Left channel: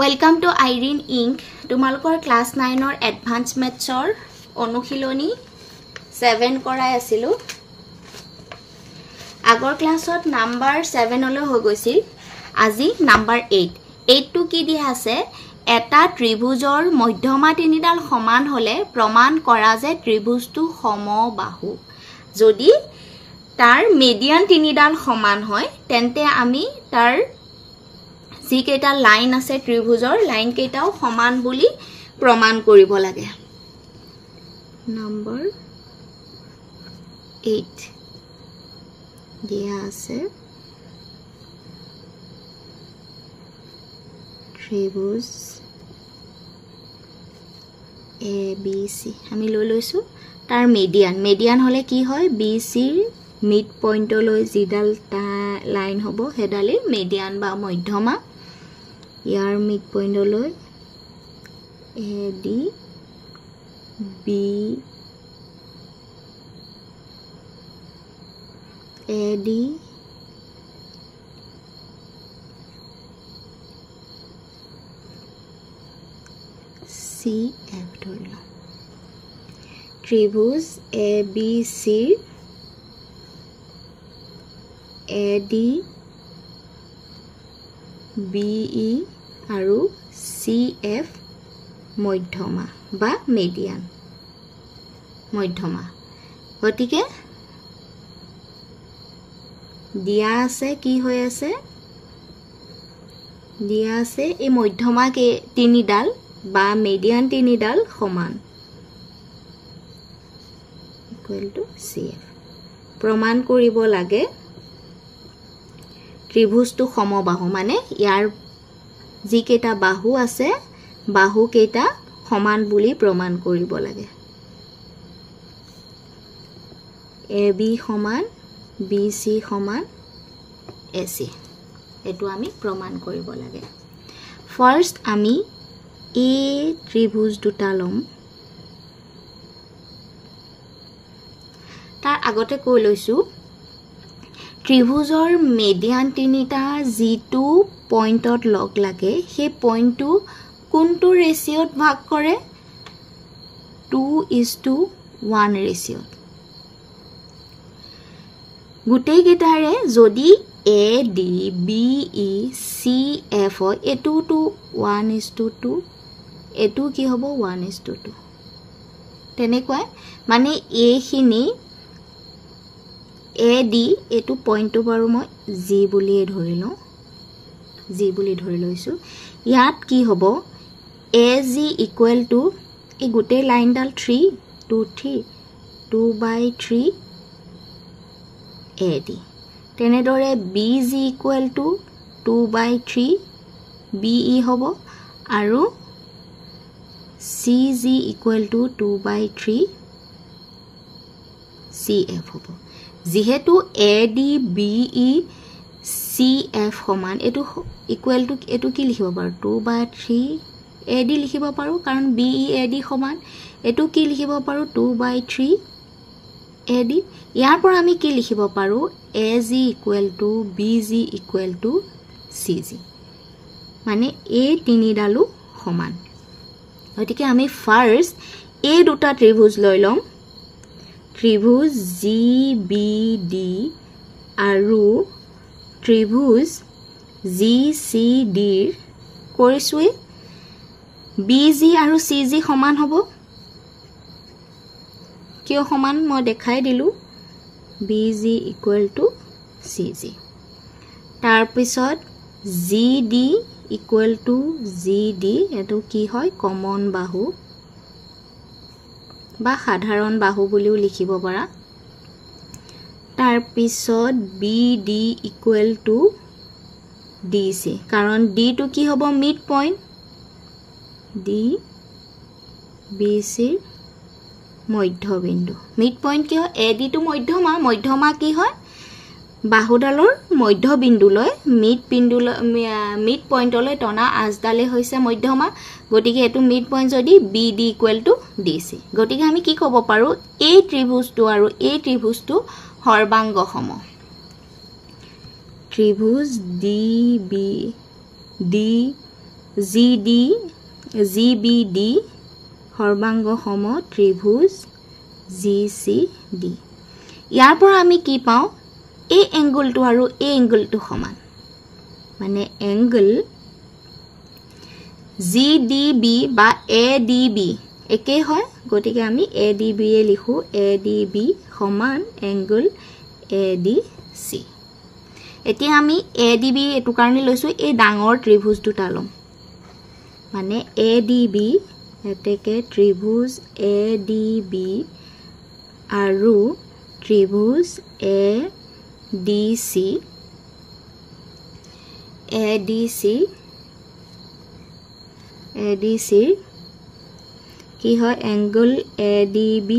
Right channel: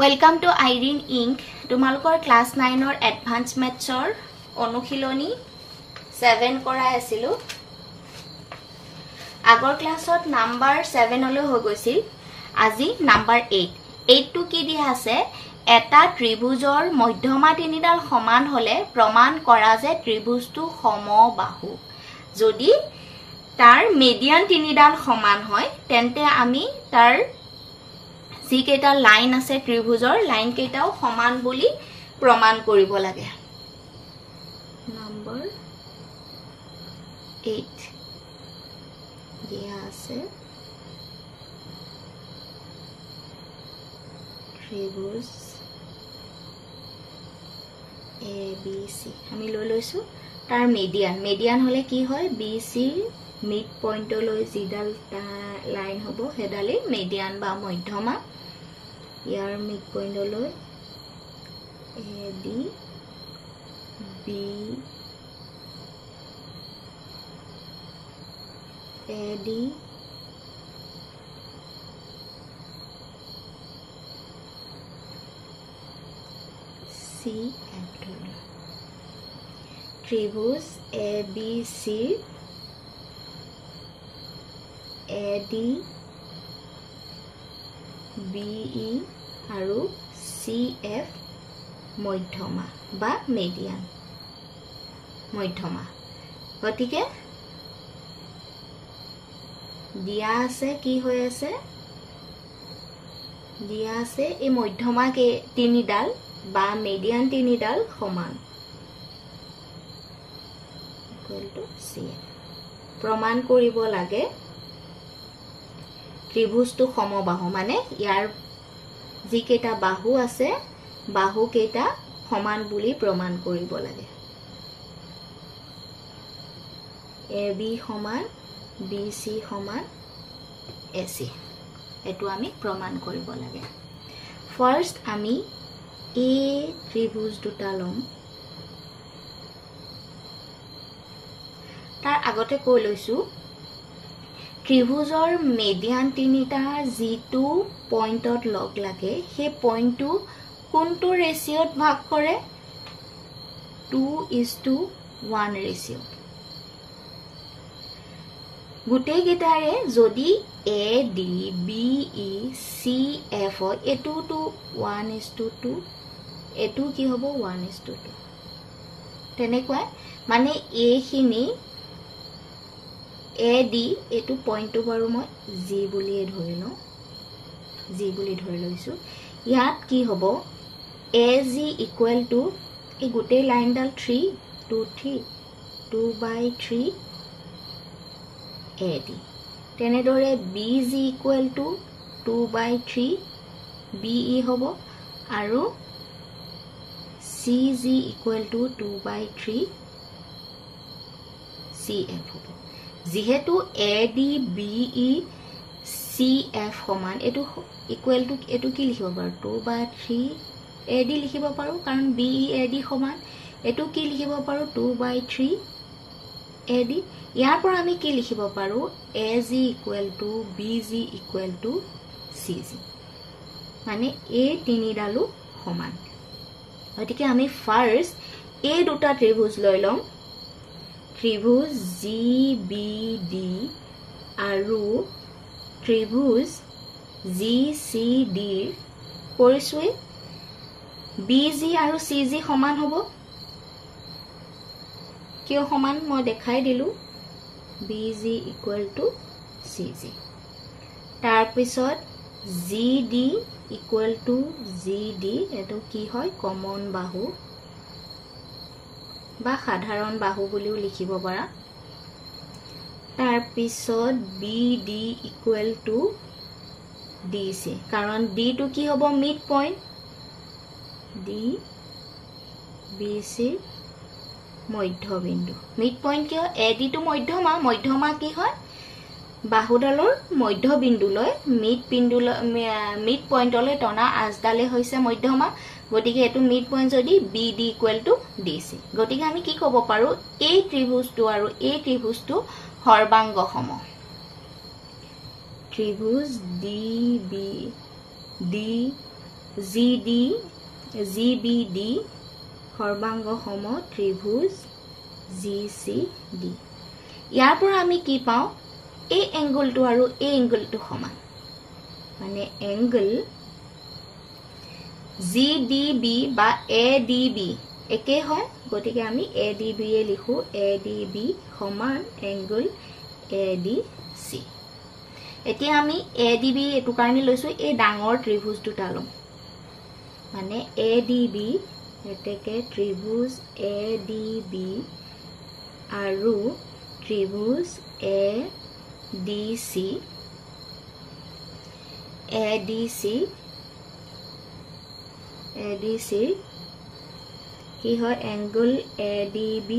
Welcome to Irene Inc. তোমালোকৰ class 9 or advanced maths or অনুশীলনী 7 কৰাই আছিলো আগৰ ক্লাছত নাম্বাৰ 7 লৈ হৈ গৈছিল আজি নাম্বাৰ 8 টো কি দিয়া আছে এটা ত্ৰিভুজৰ মধ্যমা তিনিডাল সমান হলে প্ৰমাণ কৰা যে ত্ৰিভুজটো সমবাহু যদি তাৰ মিডিয়ান তিনিডাল সমান হয় তেন্তে আমি তাৰ যি কেটা লাইন আছে ত্ৰিভুজৰ লাইন কেটাও সমান বুলি প্ৰমাণ কৰিব লাগে নম্বৰ 8 দিয়া আছে ত্ৰিভুজ ABC আমি লৈ লৈছো তাৰ মিডিয়ান হলে কি হয় BC মিড পইণ্টলৈ যিডাল লাইন হ'ব হেডালি মিডিয়ান বা মধ্যমা ইয়াৰ mid পইণ্টলৈ AD B AD CF ধৰিলো ত্ৰিভুজ ABC AD BE আৰু CF মধ্যমা বা মিডিয়ান মধ্যমা গতিকে দিয়া আছে কি হৈ আছে দিয়া আছে এই মধ্যমা কে তিনিডাল বা মিডিয়ান তিনিডাল সমান ইকুৱেল টু CF প্ৰমাণ কৰিব লাগে ত্ৰিভুজটো সমবাহু মানে ইয়াৰ যি কেটা বাহু আছে বাহু কেটা সমান বুলি প্ৰমাণ কৰিব লাগে AB সমান BC সমান AC এটো আমি প্ৰমাণ কৰিব লাগে ফাৰ্স্ট আমি A ত্ৰিভুজ দুটা লম তাৰ আগতে কৈ লৈছো ত্ৰিভুজৰ মিডিয়ান তিনিটা যিটো পইণ্টত লগ লাগে সেই পইণ্টটো কোনটো ৰেশিওত ভাগ কৰে 2:1 ৰেশিওত গুটেই গেটাৰে যদি AD BE CF এটো টু 1:2 এটো কি হ'ব 1:2 তেনেকৈ মানে A খিনি AD এটো পইণ্টটো বাৰু মই G বুলি ধৰি লৈছো ইয়াত কি হ'ব AG ইকুৱেল টু এই গুটে লাইনডাল 3 2 3 2/3 AD তেনেদৰে BG ইকুৱেল টু 2/3 BE হ'ব আৰু CG ইকুৱেল টু 2/3 CF হ'ব যেহেতু AD BE CF সমান এটো ইকুৱেল টু এটো কি লিখিব পাৰো 2/3 AD লিখিব পাৰো কাৰণ BE AD সমান এটো কি লিখিব পাৰো 2/3 AD ইয়াৰ পৰা আমি কি লিখিব পাৰো AG equal to BG equal to CG মানে এই তিনিডালু সমান গতিকে আমি ফাৰ্স্ট এই দুটা ত্ৰিভুজ লৈ লম ত্ৰিভুজ GBD আৰু ত্ৰিভুজ GCD কৰিছুই BG আৰু CG সমান হ'ব কিয় সমান মই দেখাই দিলো BG ইকুৱেল টু CG তাৰ পিছত GD ইকুৱেল টু GD এটো কি হয় কমন বাহু বা সাধাৰণ বাহু বুলিও লিখিব পাৰা তাৰ পিছত BD ইকুৱেল টু DC কাৰণ D টো কি হ'ব মিড পইণ্ট D BC মধ্যবিন্দু মিড পইণ্ট কি হয় AD টো মধ্যমা কি হয় বাহুডালৰ মধ্যবিন্দুলৈ মিড পইণ্টলৈ টনা আজডালে হৈছে মধ্যমা গতিকে এটো মিড পইণ্ট যদি BD ইকুৱেল টু DC গতিকে আমি কি ক'ব পাৰো এই ত্ৰিভুজটো আৰু এই ত্ৰিভুজটো সৰ্বাংগ সম ত্ৰিভুজ DB D GBD সৰ্বাংগ সম ত্ৰিভুজ GCD ইয়াৰ পৰা আমি কি পাওঁ এই এংগলটো আৰু এই এংগলটো সমান মানে এংগল GDB বা ADB একে হয় গতিকে আমি ADB এ লিখো ADB সমান এংগল ADC এতিয়া আমি ADB এটো কাৰণে লৈছো এই ডাঙৰ ত্ৰিভুজ দুটা লম মানে ADB এতেকে ত্ৰিভুজ ADB আৰু ত্ৰিভুজ ADC কি হয় এংগল ADB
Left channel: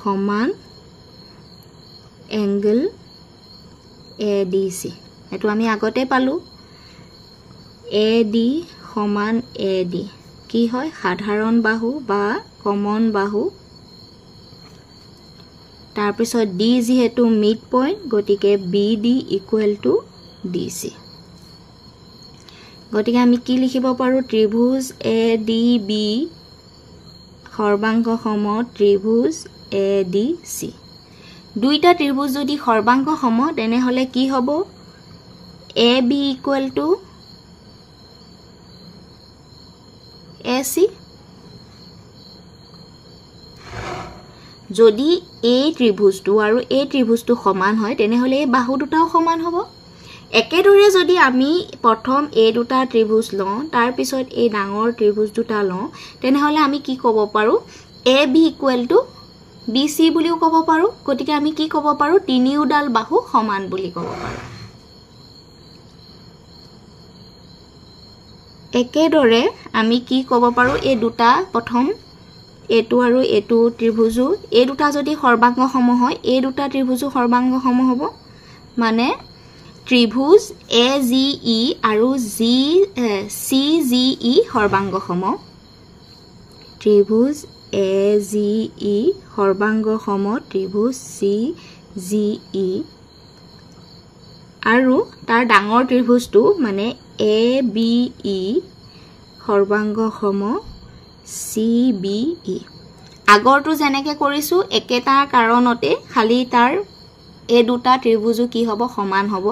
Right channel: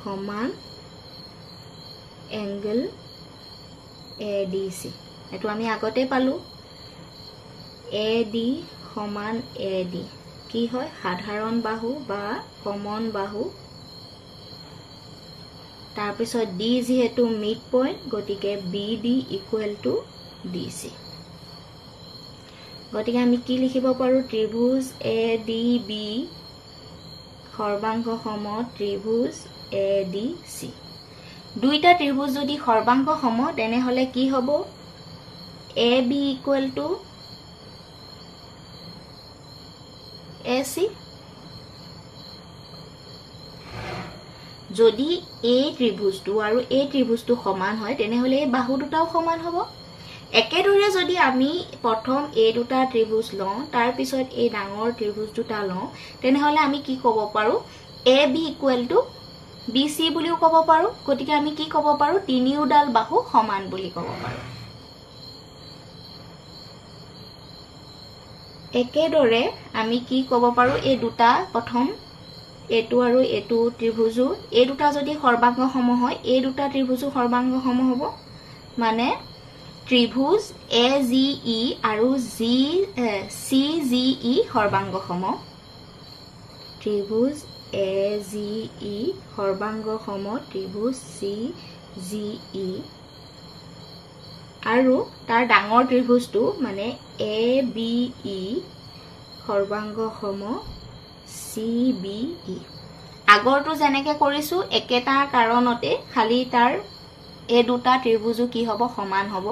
সমান এংগল ADC এটো আমি আগতে পালো AD সমান AD কি হয় সাধাৰণ বাহু বা কমন বাহু তাৰ পিছত D যেহেতু মিড পইণ্ট গতিকে BD ইকুৱেল টু DC গতিকে আমি কি লিখিব পাৰো ত্ৰিভুজ ADB সৰ্বাংগ সম ত্ৰিভুজ ADC দুইটা ত্ৰিভুজ যদি সৰ্বাংগ সম তেনে হলে কি হ'ব AB ইকুৱেল টু AC যদি এই ত্ৰিভুজটো আৰু এই ত্ৰিভুজটো সমান হয় তেনে হলে এই বাহু দুটাও সমান হ'ব একেদৰে যদি আমি প্ৰথম এই দুটা ত্ৰিভুজ লওঁ তাৰ পিছত এই ডাঙৰ ত্ৰিভুজ দুটা লওঁ তেনে হলে আমি কি ক'ব পাৰো AB ইকুৱেল টু BC বুলিও ক'ব পাৰো গতিকে আমি কি ক'ব পাৰো তিনিওডাল বাহু সমান বুলি ক'ব পাৰো একেদৰে আমি কি ক'ব পাৰো এই দুটা প্ৰথম এটো আৰু এটো ত্ৰিভুজো এই দুটা যদি সৰ্বাংগ সম হয় এই দুটা ত্ৰিভুজো সৰ্বাংগ সম হ'ব মানে ত্ৰিভুজ AGE আৰু CGE সৰ্বাংগ সম ত্ৰিভুজ AGE সৰ্বাংগ সম ত্ৰিভুজ CGE আৰু তাৰ ডাঙৰ ত্ৰিভুজটো মানে ABE সৰ্বাংগ সম CBE আগৰটো যেনেকৈ কৰিছো একেটা কাৰণতে খালি তাৰ এই দুটা ত্ৰিভুজো কি হ'ব সমান হ'ব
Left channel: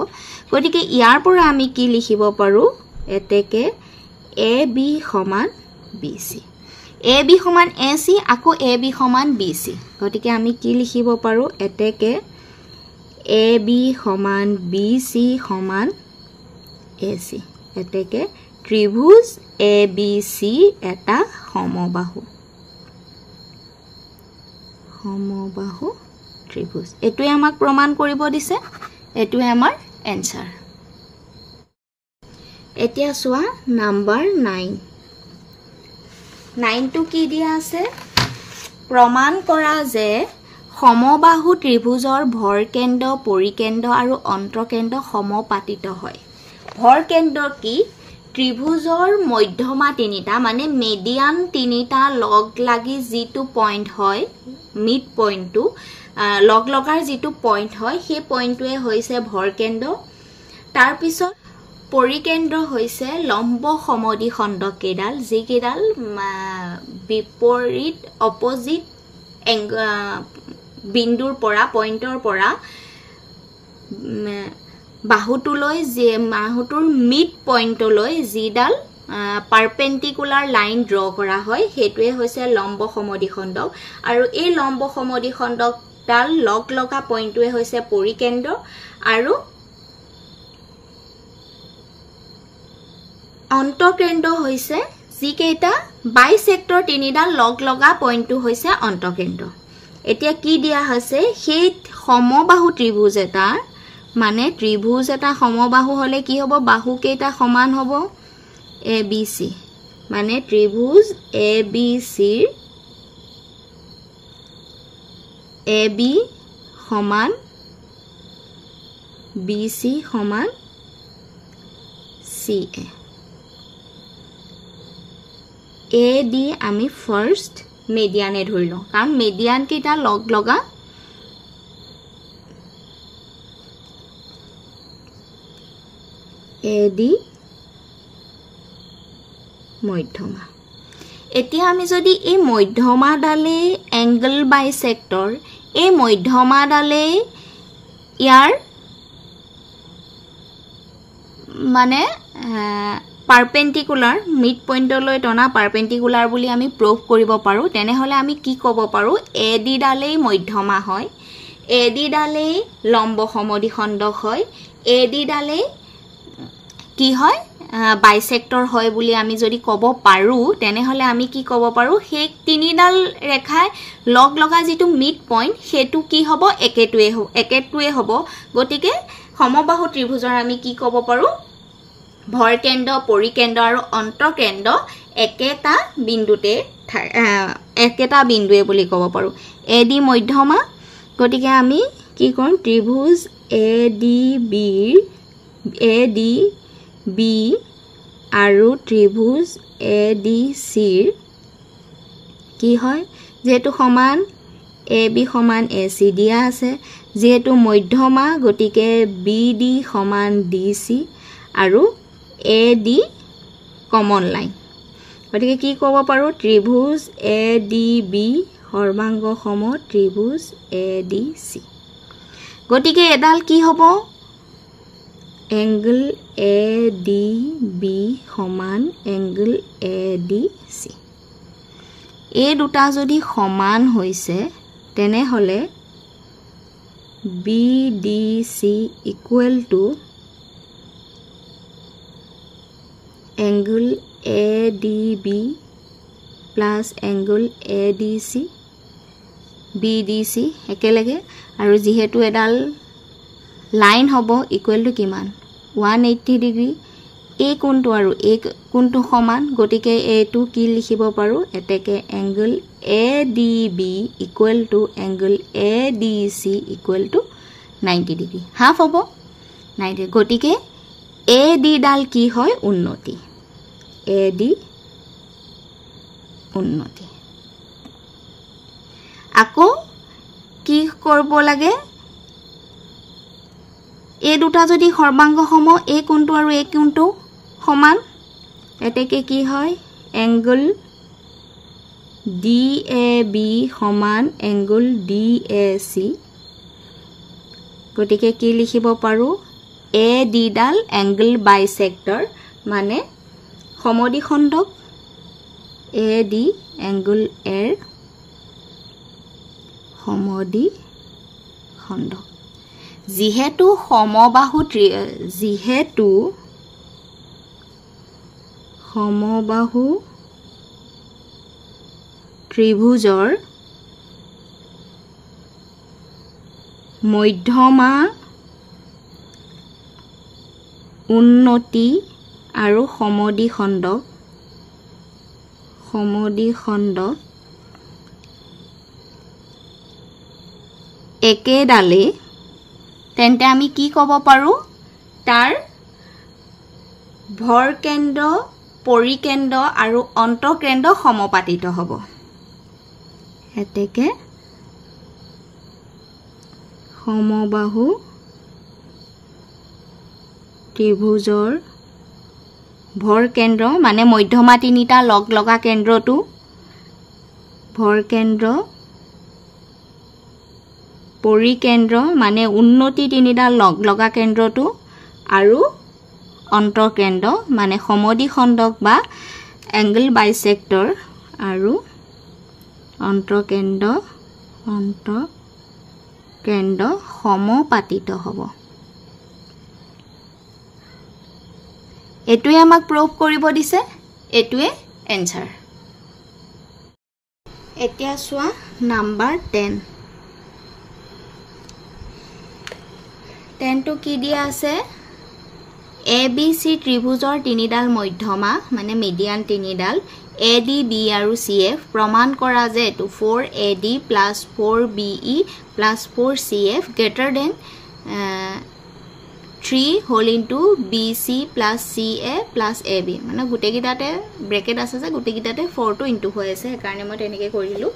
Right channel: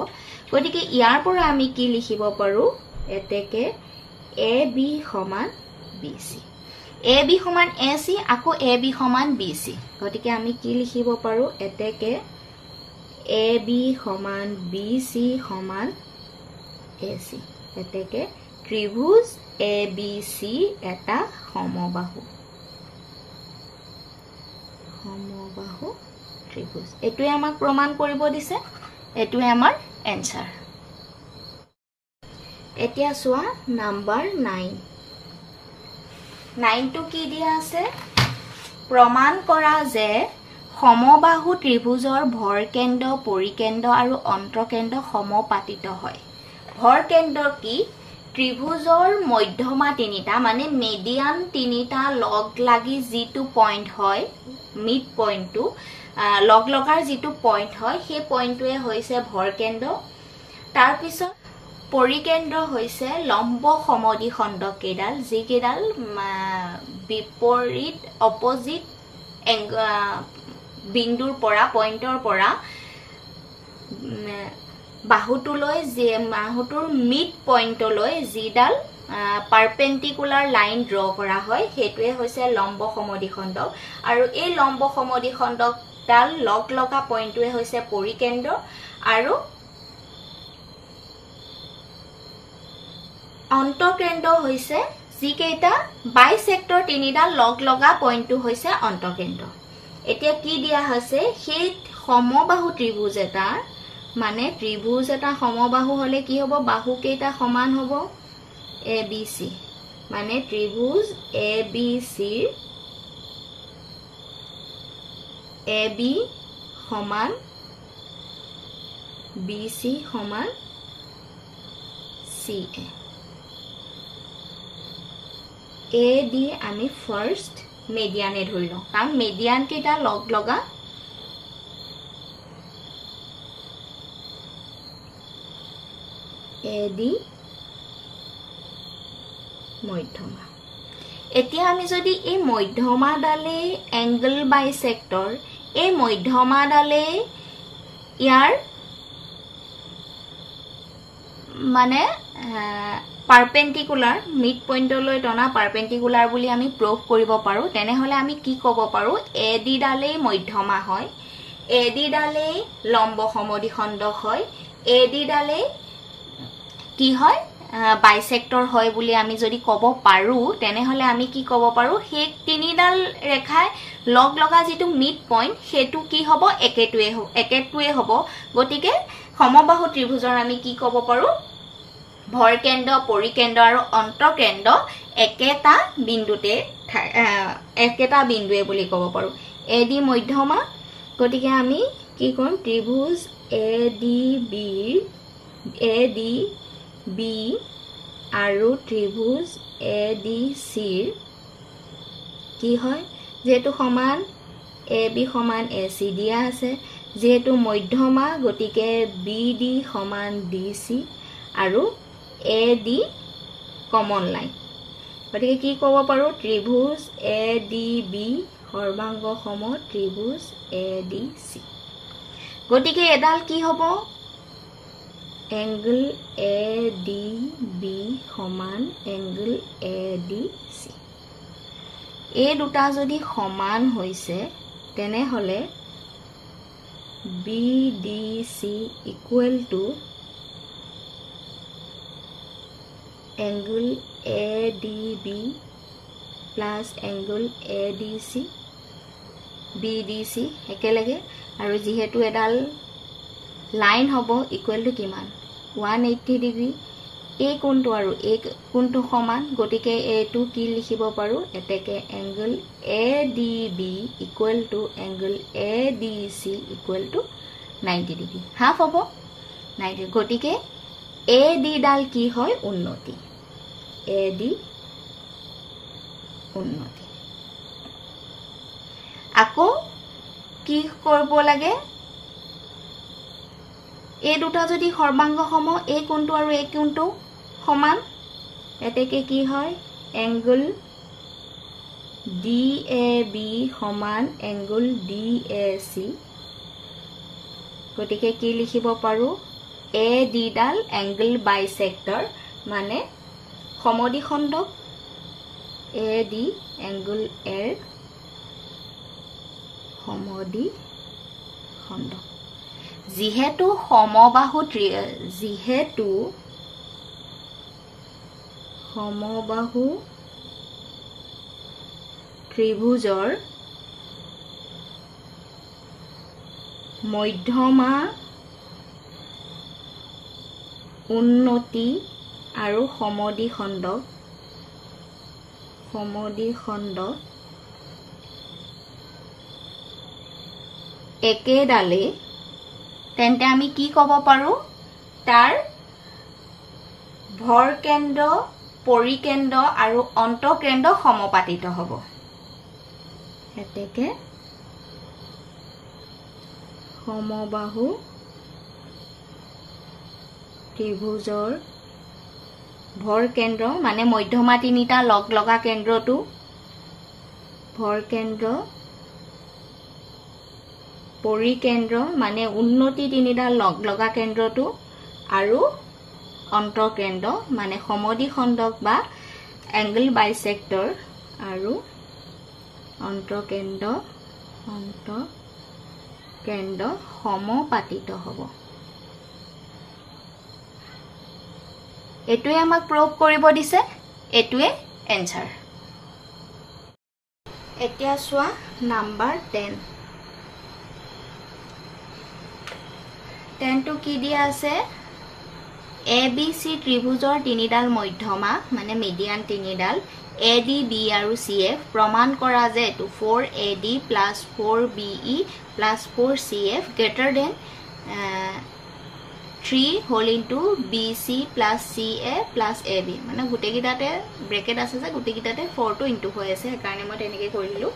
গতিকে ইয়াৰ পৰা আমি কি লিখিব পাৰো এতেকে AB সমান BC AB সমান AC আকৌ AB সমান BC গতিকে আমি কি লিখিব পাৰো এতেকে AB সমান BC সমান AC এতেকে ত্ৰিভুজ ABC এটা সমবাহু ত্ৰিভুজ এটোই আমাক প্ৰমাণ কৰিব দিছে এটোই আমাৰ এনসাৰ এতিয়া সোৱা নাম্বাৰ 9 টু কি দিয়া আছে প্ৰমাণ কৰা যে সমবাহু ত্ৰিভুজৰ ভৰকেন্দ্ৰ পৰিকেন্দ্ৰ আৰু অন্তঃকেন্দ্ৰ সমপাতিত হয় ভৰকেন্দ্ৰ কি ত্ৰিভুজৰ মধ্যমা তিনিটা মানে মিডিয়ান তিনিটা লগ লাগি যেটো পইণ্ট হয় মিড পইণ্টটো লগ লগাৰ যেটো পইণ্ট হয় সেই পইণ্টটোৱে হৈছে ভৰকেন্দ্ৰ তাৰ পিছত পৰিকেন্দ্ৰ হৈছে লম্ব সমদ্বিখণ্ড কেডাল যি কেডাল বিপৰীত অপোজিট বিন্দুৰ পৰা পইণ্টৰ পৰা বাহুটোলৈ যে বাহুটোৰ মিড পইণ্টলৈ যিডাল পাৰপেন্ডিকুলাৰ লাইন ড্ৰ কৰা হয় হেতুৱে হৈছে লম্ব সমদ্বিখণ্ড আৰু এই লম্ব সমদ্বিখণ্ডডাল লগ লগা পইণ্টটোৱে হৈছে পৰিকেন্দ্ৰ আৰু অন্তঃকেন্দ্ৰ হৈছে যিকেইটা বাইসেক্টৰ তিনিডাল লগ লগা পইণ্টটো হৈছে অন্তঃকেন্দ্ৰ এতিয়া কি দিয়া আছে সেই সমবাহু ত্ৰিভুজ এটা মানে ত্ৰিভুজ এটা সমবাহু হলে কি হ'ব বাহু কেইটা সমান হ'ব ABC মানে ত্ৰিভুজ ABC ৰ AB সমান BC সমান CA A দি আমি ফাৰ্স্ট মিডিয়ানে ধৰিলো কাৰণ মিডিয়ান কেইটা লগ লগা AD মধ্যমা এতিয়া আমি যদি এই মধ্যমাডালে এংগল বাইসেক্টৰ এই মধ্যমাডালে ইয়াৰ মানে পাৰপেন্ডিকুলাৰ মিড পয়েন্টলৈ টনা পাৰপেন্ডিকুলাৰ বুলি আমি প্ৰুভ কৰিব পাৰো তেনে হলে আমি কি ক'ব পাৰো এডি ডালেই মধ্যমা হয় এডি ডালেই লম্ব সমদ্বিখণ্ডক হয় এডি ডালেই কি হয় বাইসেক্টৰ হয় বুলি আমি যদি ক'ব পাৰো তেনে হলে আমি কি ক'ব পাৰো হে তিনিডাল ৰেখাই লগ লগা যেটো মিড পয়েন্ট হেতু কি হ'ব একেটুৱে হ'ব গতিকে সমবাহু ত্ৰিভুজৰ আমি কি ক'ব পাৰো ভৰকেন্দ্ৰ পৰিকেন্দ্ৰ আৰু অন্তঃকেন্দ্ৰ একেটা বিন্দুৱে বুলি ক'ব পাৰো এডি মধ্যমা গতিকে আমি কি কৰিম ত্ৰিভুজ এডি আৰু ত্ৰিভুজ এডিসিৰ কি হয় যেহেতু সমান এবি সমান এসি দিয়া আছে যেহেতু মধ্যমা গতিকে বিডি সমান ডিসি আৰু এডি কমন লাইন গতিকে কি ক'ব পাৰো ত্ৰিভুজ এডিবি সৰ্বাংগ সম ত্ৰিভুজ এডিসি গতিকে এডাল কি হ'ব এংগল এডিবি সমান এংগল এডিসি এই দুটা যদি সমান হৈছে তেনে হলে BDC equal to angle ADB plus angle ADC BDC একেলগে আৰু যেহেতু এডাল লাইন হ'ব ইকুৱেল টু কিমান 180 ডিগ্ৰী এই কোণটো আৰু এই কোণটো সমান গতিকে এইটো কি লিখিব পাৰো এতেকে angle ADB equal to angle ADC equal to 90 degree half হ'ব 90 গতিকে এডি ডাল কি হয় উন্নতি এডি উন্নতি আকৌ কি কৰিব লাগে এই দুটা যদি সৰ্বাংগ সম এই কোণটো আৰু এই কোণটো সমান এতেকে কি হয় এংগল ডিএবি সমান এংগল ডিএসি গতিকে কি লিখিব পাৰো এডি ডাল এংগল বাইসেক্টৰ মানে সমদ্বিখণ্ডক এডি এংগল এৰ সমদ্বিখণ্ডক যেহেতু সমবাহু ত্ৰিভুজৰ মধ্যমা উন্নতি আৰু সমদ্বিখণ্ড একেডালে তেন্তে আমি কি ক'ব পাৰো তাৰ ভৰকেন্দ্ৰ পৰিকেন্দ্ৰ আৰু অন্তঃকেন্দ্ৰ সমপাতিত হ'ব এতেকে সমবাহু ত্ৰিভুজৰ ভৰকেন্দ্ৰ মানে মধ্যমা তিনিটা লগ লগা কেন্দ্ৰটো ভৰকেন্দ্ৰ পৰিকেন্দ্ৰ মানে উন্নতি তিনিটা লগ লগা কেন্দ্ৰটো আৰু অন্তঃকেন্দ্ৰ মানে সমদ্বিখণ্ডক বা এংগল বাইসেক্টৰ আৰু অন্তঃকেন্দ্ৰ সমপাতিত হ'ব এটুৱে আমাক প্ৰুভ কৰিব দিছে এটুৱে এনসাৰ এতিয়া সোৱা নাম্বাৰ 10 10 টো কি দিয়া আছে ABC ত্ৰিভুজৰ তিনিডাল মধ্যমা মানে মিডিয়ান তিনিডাল ADB আৰু CF প্ৰমাণ কৰা যে এটো 4AD plus 4BE plus 4CF greater than 3 whole into BC plus CA plus AB মানে গুটেকিটাতে ব্ৰেকেট আছে যে গুটেকিটাতে 4 to into হৈ আছে কাৰণে মই তেনেকৈ কৰিলো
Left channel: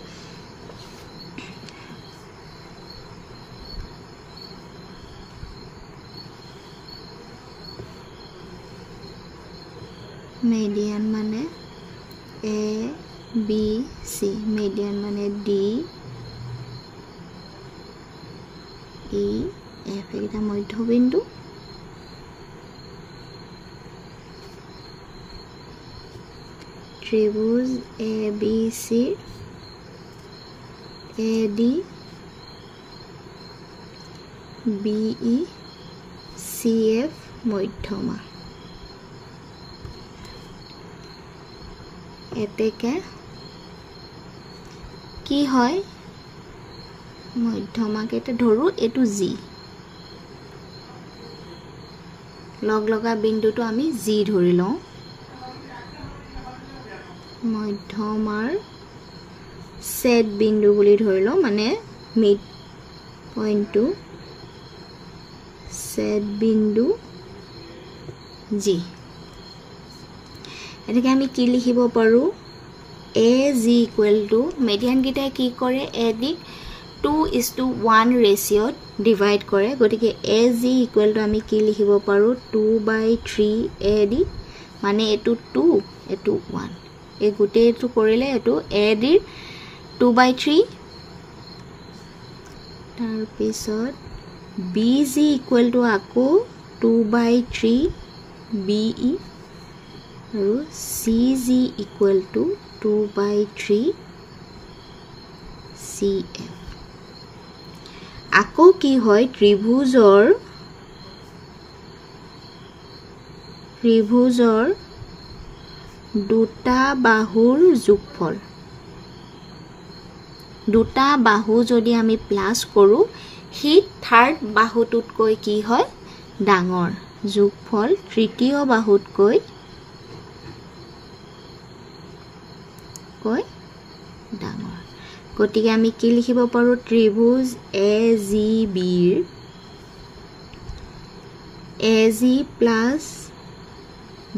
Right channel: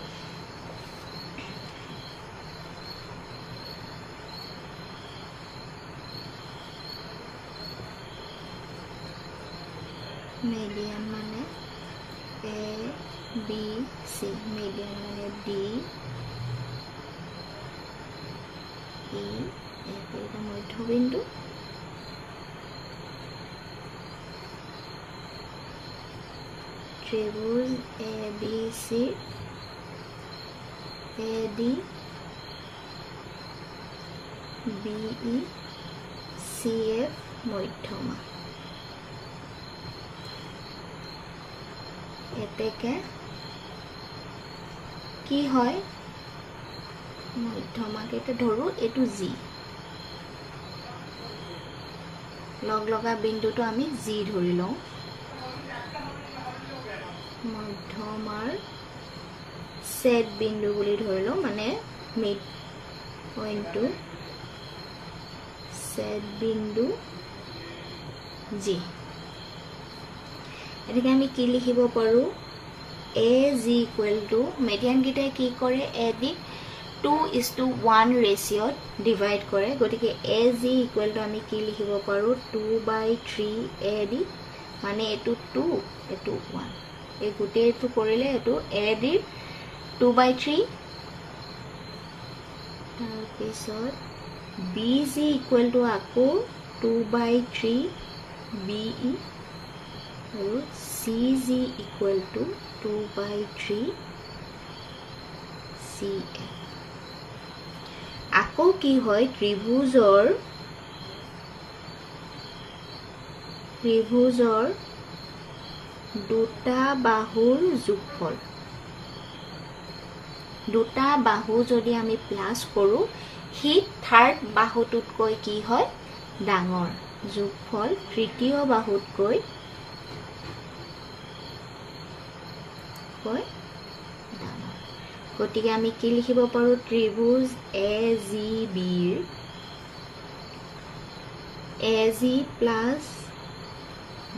median মানে A B C median মানে D E F এটা মধ্যবিন্দু ত্রিভুজ ABC AD BE CF মধ্যমা এতেকে কি হয় মধ্যমাকে ধৰো এটো G লগলগা বিন্দুটো আমি G ধৰি লওঁ মধ্যমাৰ সেট বিন্দু বুলি ধৰি লওঁ মানে মিড পইণ্টটো সেট বিন্দু G এটাকে আমি কি লিখিব পাৰো AG equal to median গিটাই কি কৰে AD 2:1 ৰেশিঅ ডিভাইড কৰে গতিকে AG equal to আমি কি লিখিব পাৰো 2/3 AD মানে এটো 2 এটো 1 এই গুটেটো কৰিলে এটো AD 2/3 তাৰ পিছত BG equal to আকৌ 2/3 BE আৰু CG equal to 2/3 CF আকৌ কি হয় ত্ৰিভুজৰ দুটা বাহুৰ যোগফল দুটা বাহু যদি আমি প্লাস কৰো হি থাৰ্ড বাহুটোতকৈ কি হয় ডাঙৰ যোগফল তৃতীয় বাহুতকৈ ডাঙৰ গতিকে আমি কি লিখিব পাৰো ত্ৰিভুজ AGB AG plus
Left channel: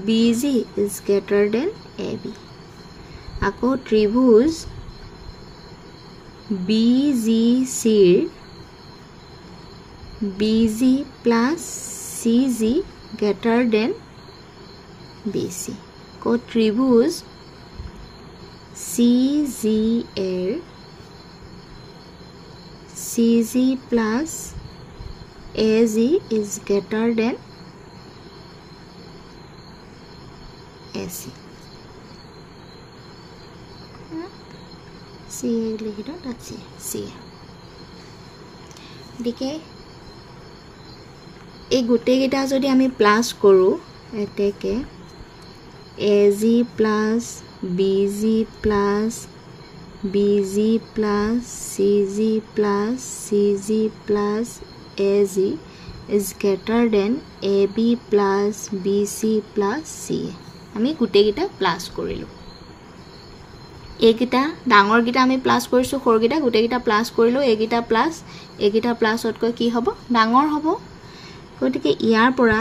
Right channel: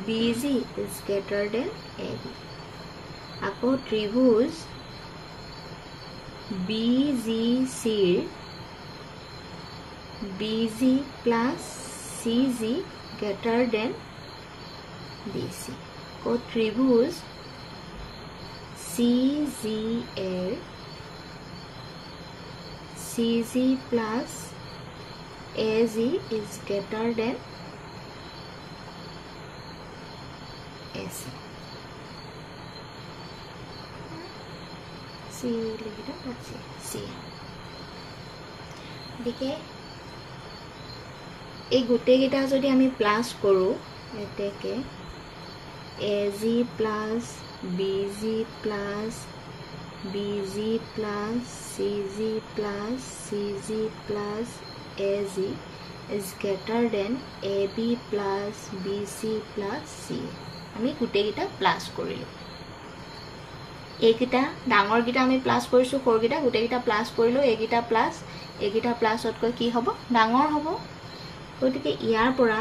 BG is greater than AB আকৌ ত্ৰিভুজ BGC BG plus CG greater than BC আকৌ ত্ৰিভুজ CGR CG plus AG is greater than AC C লিখি দাও that's it C দেখে এই গুটে গিটা যদি আমি প্লাস কৰো এতেকে AG plus BG plus BG plus CG plus CG plus AG is greater than AB plus BC plus CA আমি গুটে গিটা প্লাস কৰিলো এগিটা ডাঙৰ গিটা আমি প্লাস কৰিছো খৰ গিটা গুটে গিটা প্লাস কৰিলো এগিটা প্লাসতকৈ কি হ'ব ডাঙৰ হ'ব গতিকে ইয়াৰ পৰা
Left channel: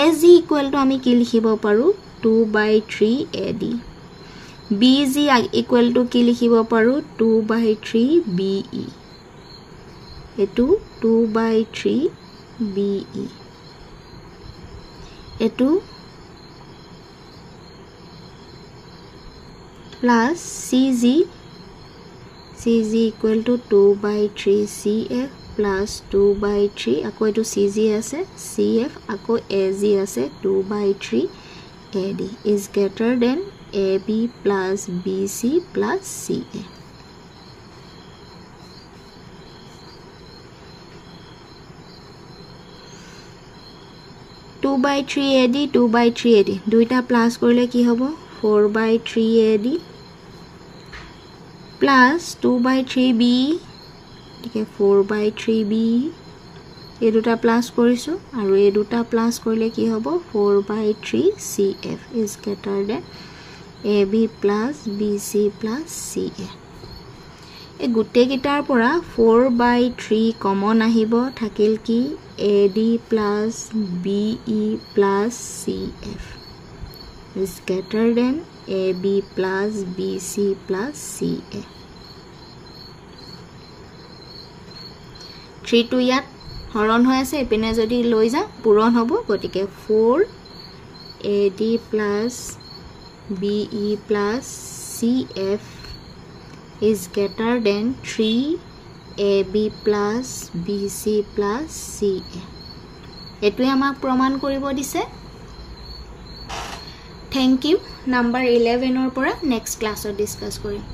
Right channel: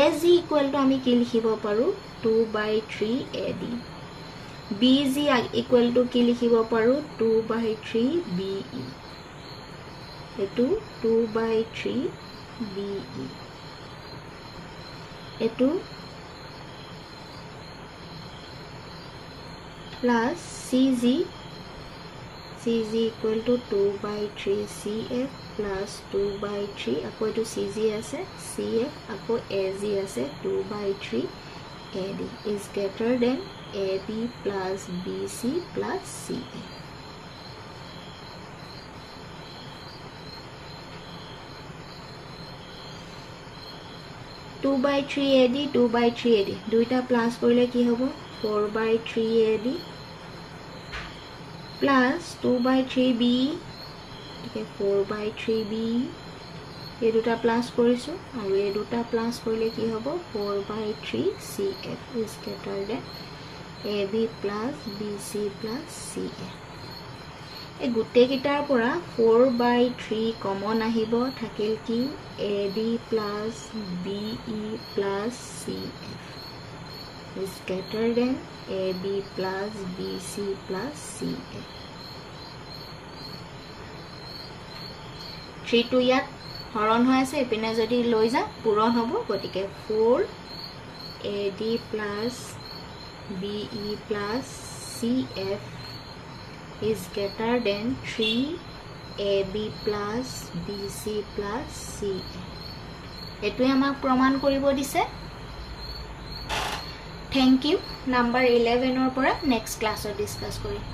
AG equal to আমি কি লিখিব পাৰো 2/3 AD BG equal to কি লিখিব পাৰো 2/3 BE এটো 2/3 BE এটো plus CG equal to 2/3 CF plus 2/3 আকৌ এটো CG আছে CF আকৌ AG আছে 2/3 AD is greater than AB plus BC plus CA two by 3 AD 2/3 AD দুইটা প্লাস কৰিলে কি হ'ব 4/3 AD plus 2/3 B ঠিক 4/3 B এই দুটা প্লাস কৰিছো আৰু এই দুটা প্লাস কৰিলে কি হ'ব 4/3 CF is greater than AB plus BC plus CA এই গুটে গিটাৰ পৰা 4/3 কমন আহিব থাকিল কি AD plus BE plus CF is greater than AB plus BC plus CA 3 to ইয়াত হৰণ হৈ আছে এপিনে যদি লৈ যা পূৰণ হ'ব গতিকে 4 AD plus BE plus CF is greater than 3AB plus BC plus CA. এটোৱে আমাক প্ৰমাণ কৰিব দিছে। Thank you. Number 11 or পৰা next class ডিসকাস কৰিম।